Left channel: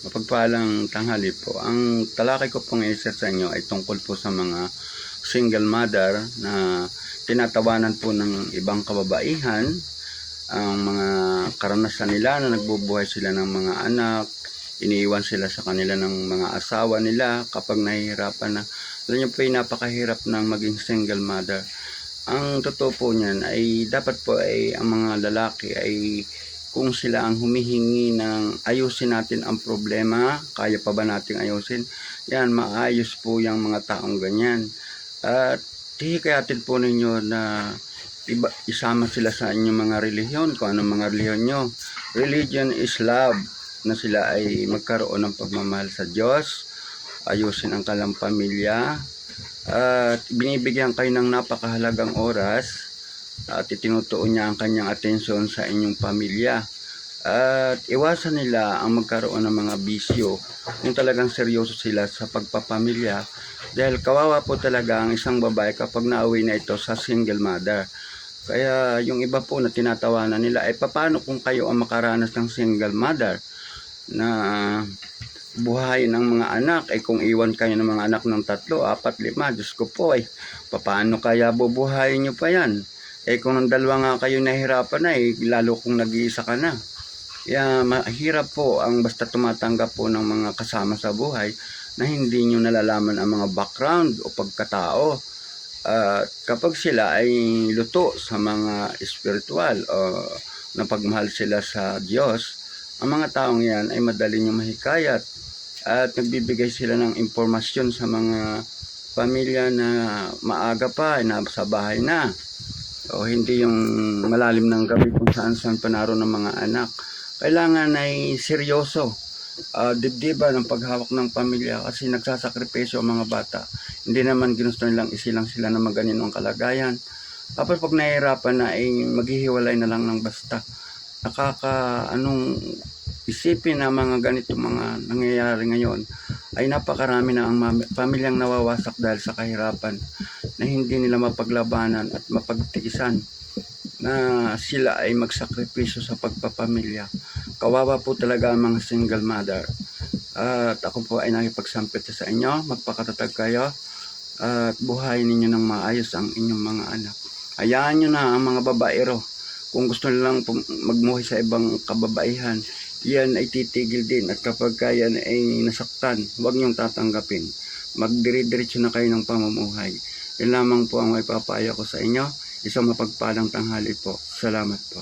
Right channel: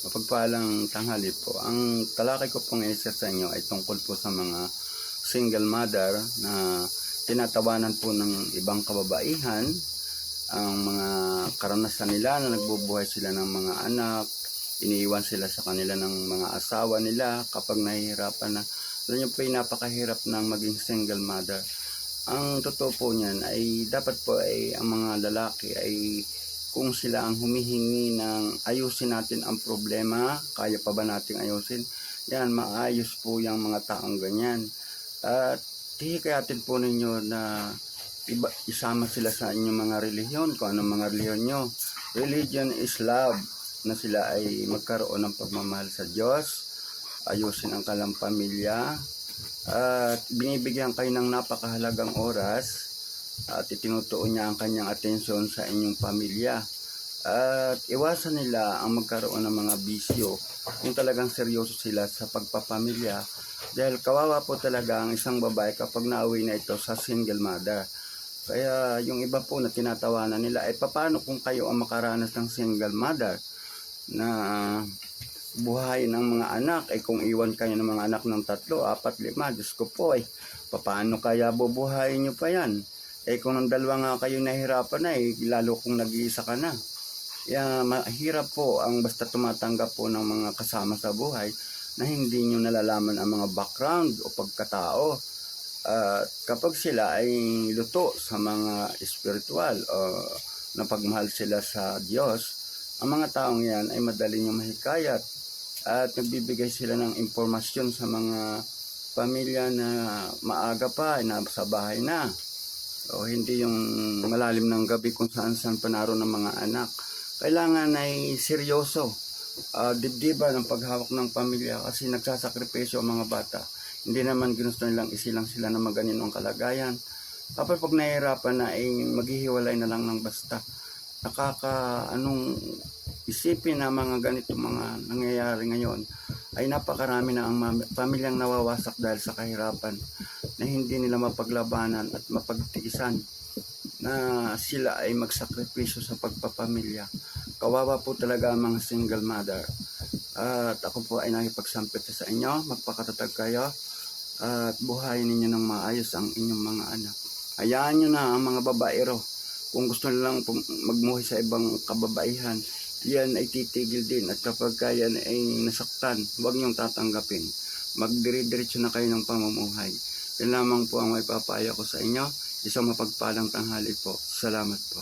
Mapagpalang tanghali po. Ang talakay ko pong isa sa inyo ay tungkol po sa mga single mother na tinatawanan po ng ibang kababaihan ang mga karanasan nila na nagbubuhay sila ng mga anak, iniiwan sila sa kanila ng mga asawa nila kapag nahihirapan na. Alam niyo po, napakahirap ng maging single mother. Ang totoo po niyan ay dapat po ay ang mga lalaki ay kung sila ang humihingi ng ayusin natin ang problema, kaya pa ba nating ayusin? Yan, maayos po yung mga taong ganyan. At hihikayatin po ninyo na isama sila sa inyong mga relihiyon, kung anong mga relihiyon nyo. Religion is love, na sila ay magkaroon ng pagmamahal sa Diyos, ayusin ang kanilang pamilya, at binibigyan kayo ng napakahalagang oras at itinutuon niya ang kanyang atensyon sa inyong pamilya. At iwasan nila ang magkaroon ng mga bisyo kung talagang seryoso sila sa pagpapamilya, dahil kawawa po talaga ang isang babae kapag nauwi na ito sa single mother. Kaya yung iba po na tinatawanan nila ay paano kung kayo ang makaranas ng single mother na buhay ng mga anak, ay kung iwan kayo ng mga anak ng 3, 4, 5, Diyos ko po, ay paano kaya bubuhayin nyo pa yan? Kung ng 2 nga kayo nahihirapan na, lalo kung nag-iisa ka na. Kaya mahirap po ang basta tumatanggap po ng mga kasama sa buhay na hindi nyo nalalaman ang mga background o pagkatao. Kapag sila ay luto sa mga espiritual o napagmahal sila sa Diyos, ang mga taong yan ay madali nyo mahikayat at nagbibigay sila ng impormasyon sa mga pamilya na maaga pa, nasa bahay na. O hindi yung malalim ng gabi kung saan pa naroon ng mga anak. Kailangan ay seryoso, dibdiba ng paghawak ng pamilya, kasi nagsasakripisyo ang mga bata. Hindi naman ginusto nilang isilang sila na maganinong kalagayan. Tapos pag nahihirapan na ay maghihiwalay na lang ng basta. Anong isipin na mga ganito mga nangyayari ngayon ay napakarami na ang pamilyang nawawasak dahil sa kahirapan na hindi nila mapaglabanan at mapagtiisan na sila ay magsakripisyo sa pagpapamilya. Kawawa po talaga ang mga single mother. At ako po ay nakipagsampit sa inyo, magpakatatag kayo at buhayin ninyo ng maayos ang inyong mga anak. Hayaan nyo na ang mga babaero, kung gusto nilang magmuhay sa ibang kababaihan, yan ay titigil din. At kapag yan ay nasaktan, huwag niyong tatanggapin. Magdire-diretso na kayo ng pamumuhay. Yan lamang po ang may papayo ko sa inyo. Isang mapagpalang tanghali po. Salamat po.